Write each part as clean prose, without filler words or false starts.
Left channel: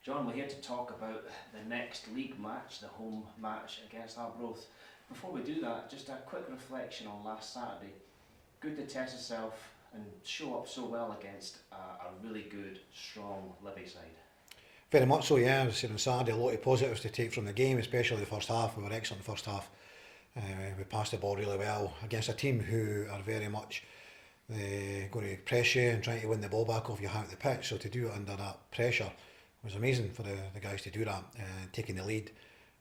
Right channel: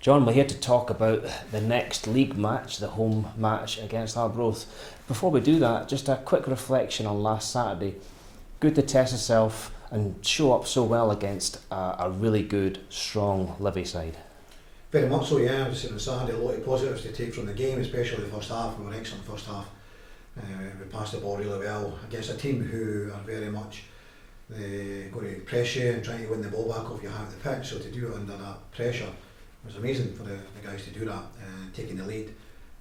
John, we're here to talk about the next league match, the home match against Arbroath. Before we do that, just a quick reflection on last Saturday. Good to test yourself and show up so well against a really good, strong Livy side. Very much so, yeah. I was saying on Saturday, a lot of positives to take from the game, especially the first half. We were excellent first half. We passed the ball really well against a team who are very much going to press you and trying to win the ball back off you out the pitch. So to do it under that pressure was amazing for the guys to do that, taking the lead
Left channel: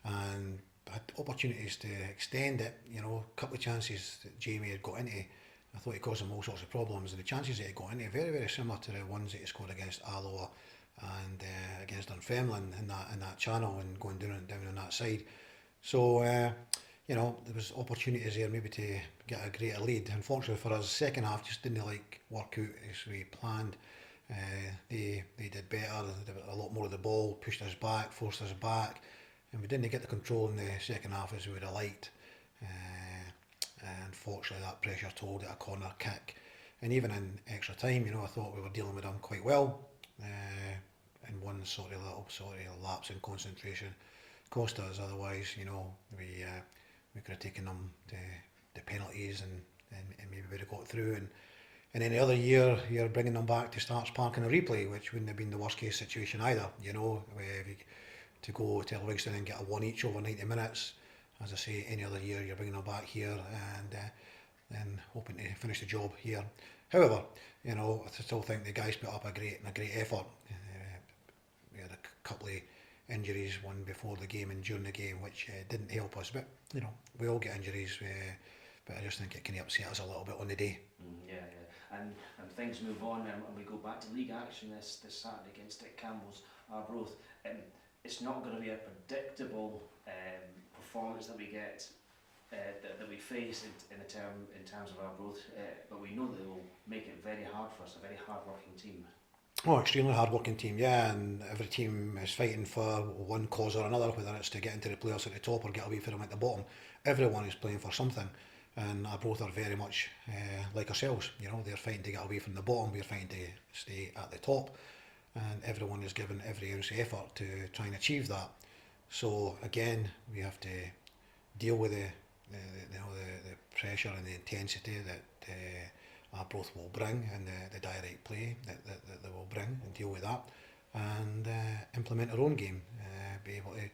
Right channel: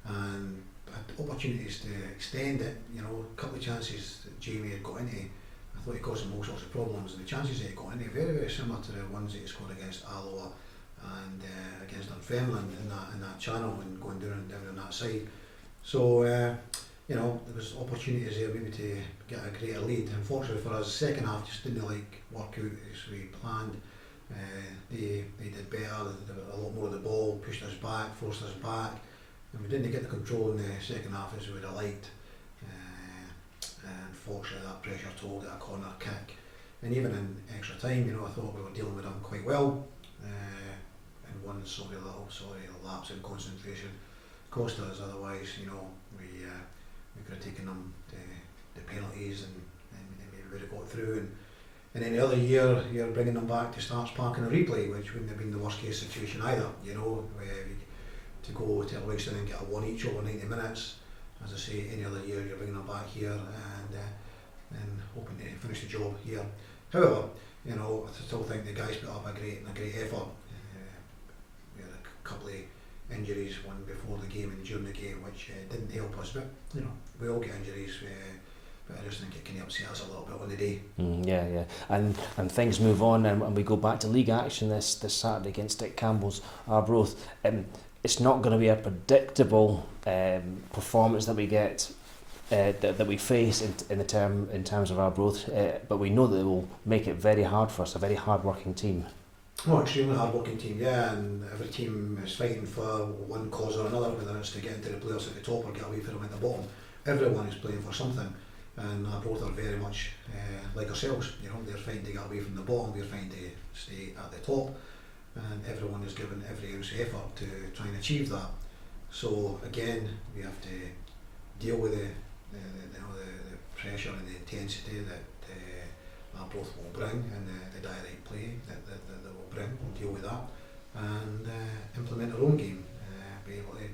and had opportunities to extend it. You know, a couple of chances that Jamie had got into, I thought he caused him all sorts of problems, and the chances that he got into very, very similar to the ones that he scored against Alloa and against Dunfermline in that channel and going down on that side. So you know, there was opportunities there maybe to get a greater lead. Unfortunately for us, the second half just didn't work out as we planned. They did better, they did a lot more of the ball, pushed us back, forced us back, and we didn't get the control in the second half as we would have liked. Unfortunately that pressure told at a corner kick, and even in extra time, you know, I thought we were dealing with them quite well, and one little lapse in concentration cost us. Otherwise, you know, we could have taken them the penalties and maybe would have got through. And any other year, you're bringing them back to Starks Park in a replay, which wouldn't have been the worst case situation either. You know, to go to Livingston and get a one each over 90 minutes. As I say, any other year you're bringing them back here and hoping to finish the job here. However, you know, I still think the guys put up a great effort. We had a couple of injuries, one before the game and during the game, which didn't help us. But you know, we all get injuries. But I just think it can upset us a little bit on the day. Yeah. And things move on, and we go back to league action this Saturday against Dick Campbell's Arbroath. It's not going to be a predictable performance that we get, that we face in terms of Arbroath, but we know that they will make it very hard for us, a very hard-working team. Oh, extremely hard-working team, yeah, and every team is fighting for one cause or another, whether it's to get into the playoffs at the top or get away from them at the bottom. Everyone is playing for something. And Arbroath are very much like ourselves, you know, they're fighting to get away from the bottom, we're fighting to stay at the top, and everyone is given every ounce of effort to try and achieve that. So again, we have to deal with the pressure and the intensity that Arbroath will bring, and the direct play that they will bring, and deal with that, and implement our own game, be able to,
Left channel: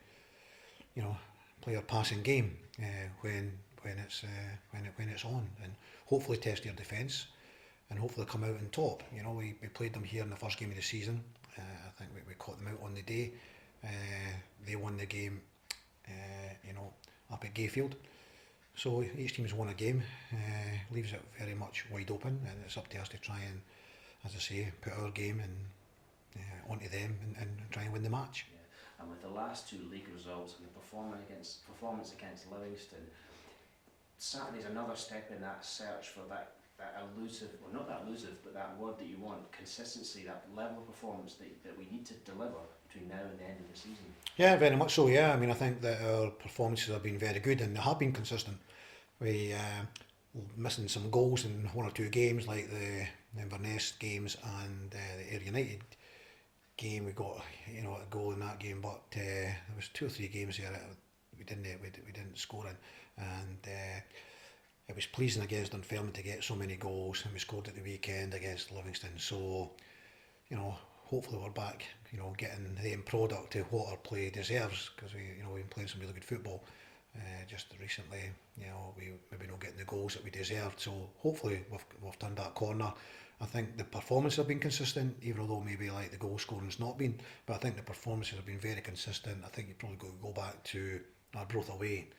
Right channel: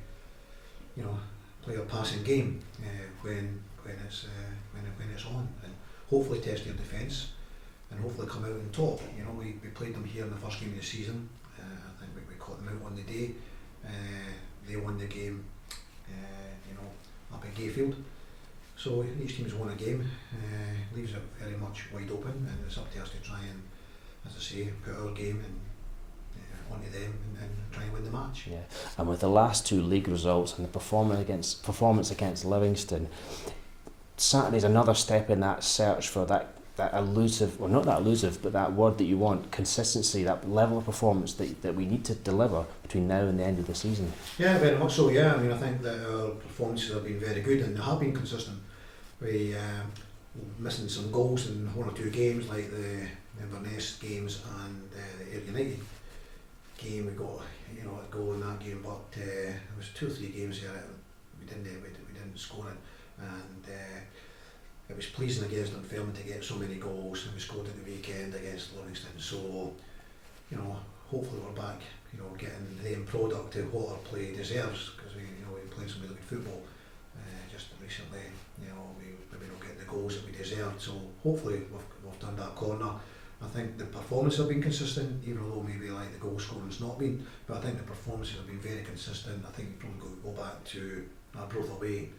you know, play a passing game when it's on, and hopefully test their defence, and hopefully come out on top. You know, we played them here in the first game of the season. I think we caught them out on the day. They won the game, you know, up at Gayfield. So each team's won a game, leaves it very much wide open, and it's up to us to try and, as I say, put our game onto them and try and win the match. Yeah, and with the last two league results and the performance against Livingston, Saturday's another step in that search for that elusive, well, not that elusive, but that word that you want, consistency, that level of performance that we need to deliver between now and the end of the season. Yeah, very much so, yeah. I mean, I think that our performances have been very good and they have been consistent. We missing some goals in one or two games, like the Inverness games and the Ayr United game. We got, you know, a goal in that game, but there was 2 or 3 games there that we didn't score it, and it was pleasing against Dunfermline to get so many goals, and we scored at the weekend against Livingston. So, you know, hopefully we're back, you know, getting the end product to what our play deserves, because we've played some really good football just recently. You know, we maybe not getting the goals that we deserved. So hopefully we've turned that corner. I think the performances have been consistent, even though maybe like the goal scoring's not been, but I think the performances have been very consistent. I think you've probably got to go back to Arbroath away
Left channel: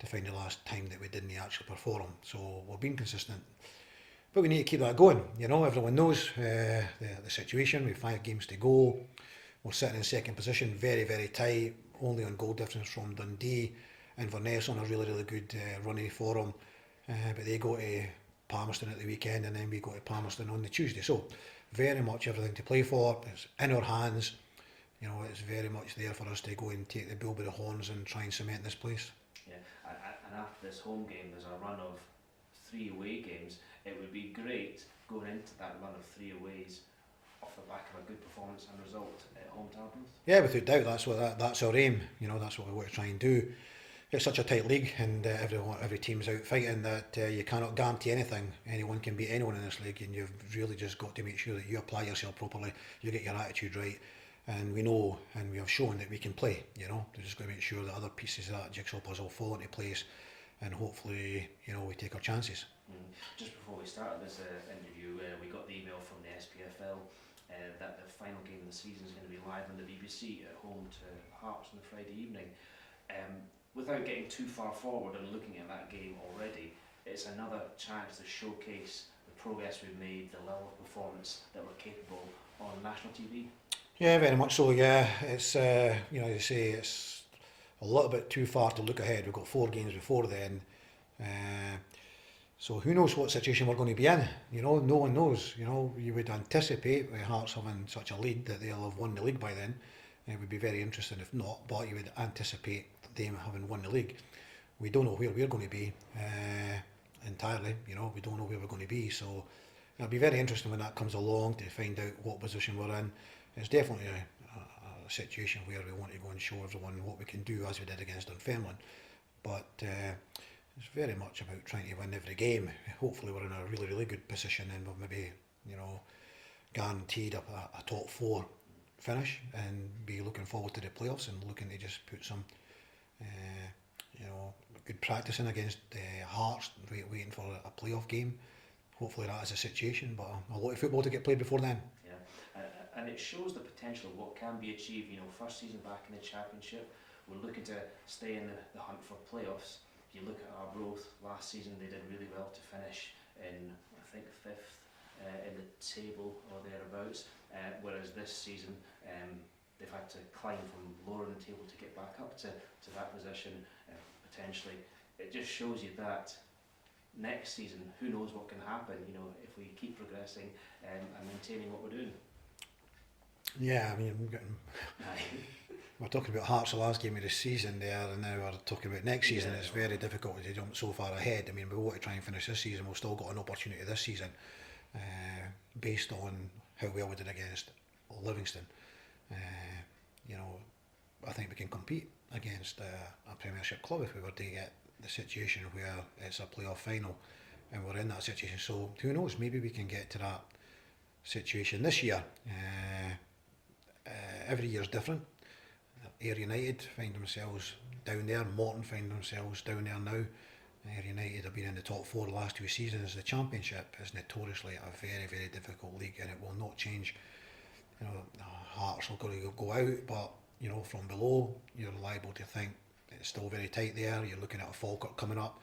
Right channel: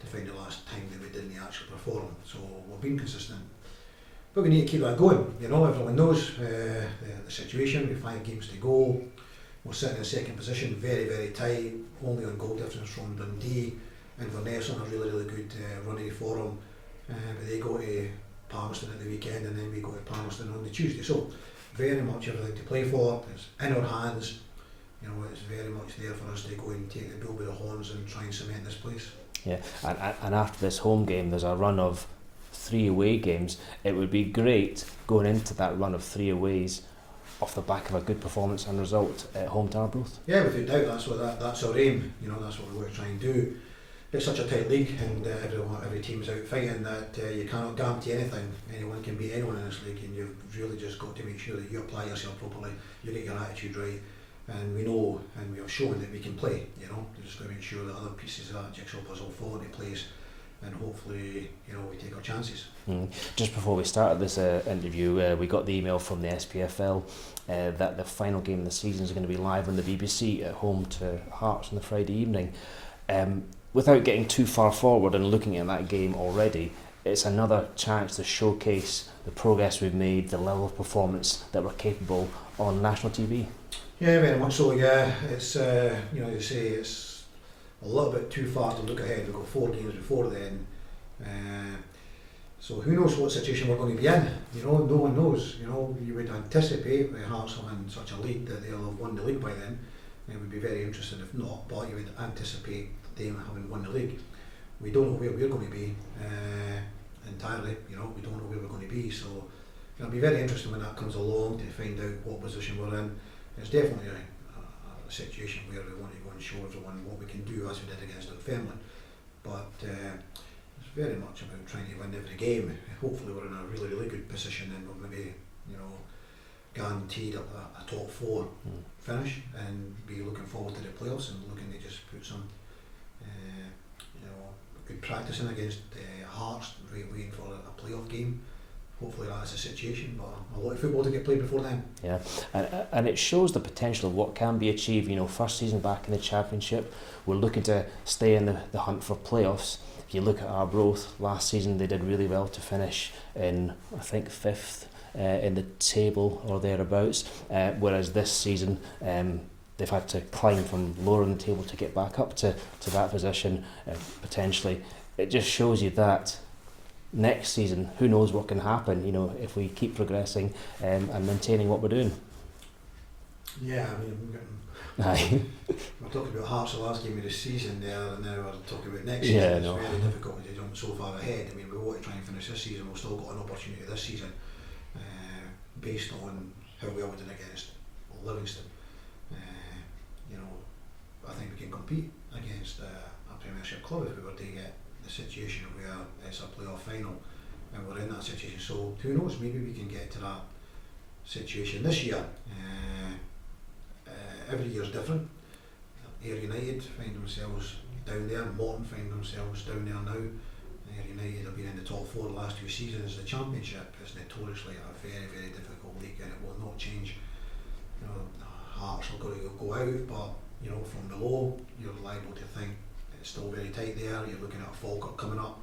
to find the last time that we didn't actually perform. So we've been consistent, but we need to keep that going. You know, everyone knows the situation. We have 5 games to go. We're sitting in second position, very, very tight, only on goal difference from Dundee. Inverness on a really, really good running for them, but they go to Palmerston at the weekend, and then we go to Palmerston on the Tuesday. So very much everything to play for. It's in our hands. You know, it's very much there for us to go and take the bull by the horns and try and cement this place. Yeah, and after this home game, there's a run of 3 away games. It would be great going into that run of 3 aways off the back of a good performance and result at home to Arbroath. Yeah, without doubt, that's our aim. You know, that's what we want to try and do. It's such a tight league, and every team's out fighting that you cannot guarantee anything. Anyone can beat anyone in this league, and you've really just got to make sure that you apply yourself properly, you get your attitude right, and we know and we have shown that we can play. You know, we're just going to make sure that other pieces of that jigsaw puzzle fall into place, and hopefully, you know, we take our chances. Just before we started this interview, we got the email from the SPFL that the final game of the season is going to be live on the BBC at home to Hearts on the Friday evening. Without getting too far forward and looking at that game already, it's another chance to showcase the progress we've made, the level of performance that we're capable on national TV. Yeah, very much so. Yeah, it's you know, you say it's a little bit too far to look ahead. We've got 4 games before then. So who knows what situation we're going to be in? You know, no one knows. You know, you would anticipate with Hearts having such a lead that they'll have won the league by then. It would be very interesting if not, but you would anticipate them having won the league. We don't know where we're going to be entirely. You know, we don't know where we're going to be. So it'll be very interesting when that comes along to find out what position we're in. It's definitely a situation where we want to go and show everyone what we can do, as we did against Dunfermline. But it's very much about trying to win every game. Hopefully we're in a really, really good position, and we're maybe, you know, guaranteed a top 4 finish, and be looking forward to the playoffs and looking to just put some you know, good practice in against Hearts, waiting for a playoff game. Hopefully that is the situation, but a lot of football to get played before then. Yeah, and it shows the potential of what can be achieved. You know, first season back in the Championship, we're looking to stay in the hunt for playoffs. If you look at Arbroath, last season they did really well to finish in, I think, 5th in the table or thereabouts, whereas this season they've had to climb from lower in the table to get back up to that position, potentially. It just shows you that next season, who knows what can happen, you know, if we keep progressing and maintaining what we're doing. Yeah, I mean, we're talking about Hearts the last game of the season there, and now we're talking about next season. It's very difficult to jump so far ahead. I mean, we want to try and finish this season. We've still got an opportunity this season based on how well we did against Livingston. You know, I think we can compete against a Premiership club if we were to get the situation where it's a playoff final and we're in that situation. So who knows, maybe we can get to that situation this year. Every year is different. Ayr United find themselves down there, Morton find themselves down there now. Ayr United have been in the top 4 the last 2 seasons. The Championship is notoriously a very, very difficult league, and it will not change. You know, Hearts are going to go out, but you know, from below you're liable to think it's still very tight there. You're looking at Falkirk coming up.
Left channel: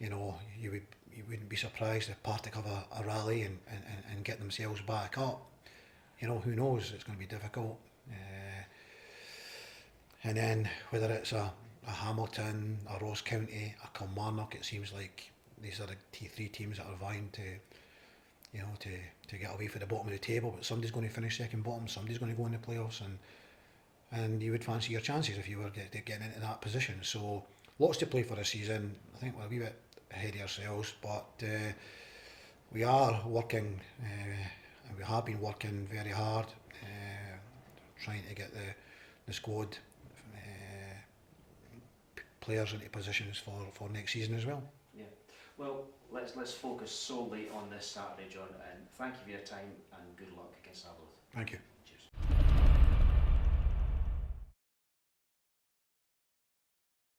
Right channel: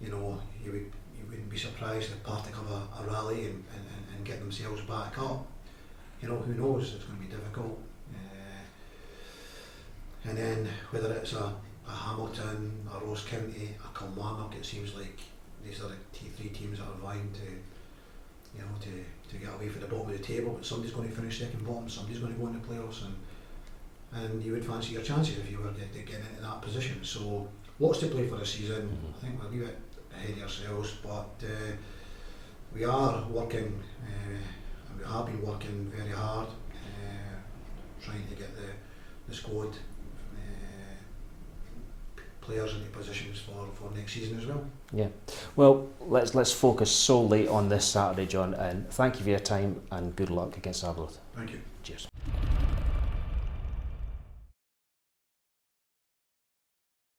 You know, you wouldn't be surprised if Partick have a rally and get themselves back up. You know, who knows? It's going to be difficult. And then whether it's a Hamilton, a Ross County, a Kilmarnock, it seems like these are the 3 teams that are vying to, you know, to get away from the bottom of the table. But somebody's going to finish second bottom, somebody's going to go in the playoffs, and you would fancy your chances if you were to get into that position. So lots to play for the season. I think we're a wee bit ahead of ourselves, but we are working, and we have been working very hard, trying to get the squad players into positions for next season as well. Yeah, well, let's focus solely on this Saturday, John, and thank you for your time and good luck against Arbroath. Thank you. Cheers.